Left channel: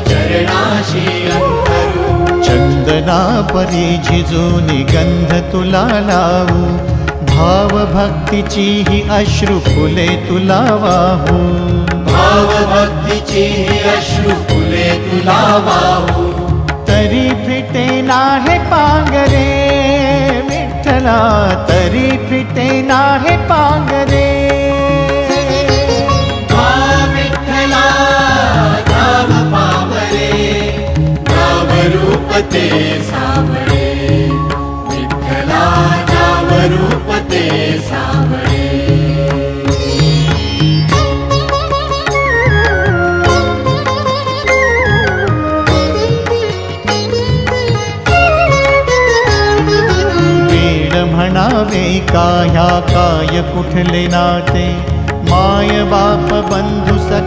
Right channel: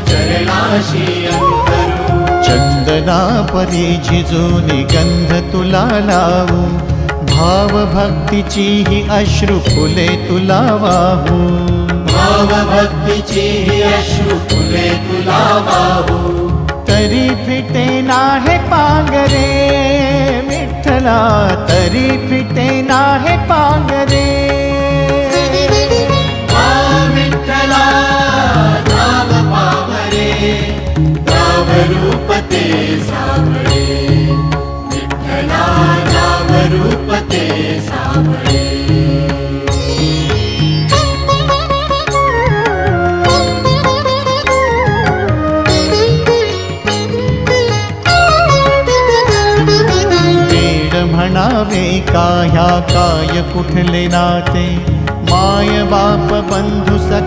चरणाशी अंतरू। चंदना परी झिजूनी गंध तुला लावू, भाव भक्तीची ही अश्रु फुले तुला वाहू। भाव भक्तीची ही अश्रु फुले तुला वाहू। तरी फिटे नाहे पांगरे विठ्ठला, तरी फिटे नाहे पांगरे। विठ्ठला नाम पावरे, नाम रूप ते सावळे। विठ्ठला नाम रूप ते सावळे। म्हणावे का ह्या काय कुठले नाते, माय बाप बंधू सख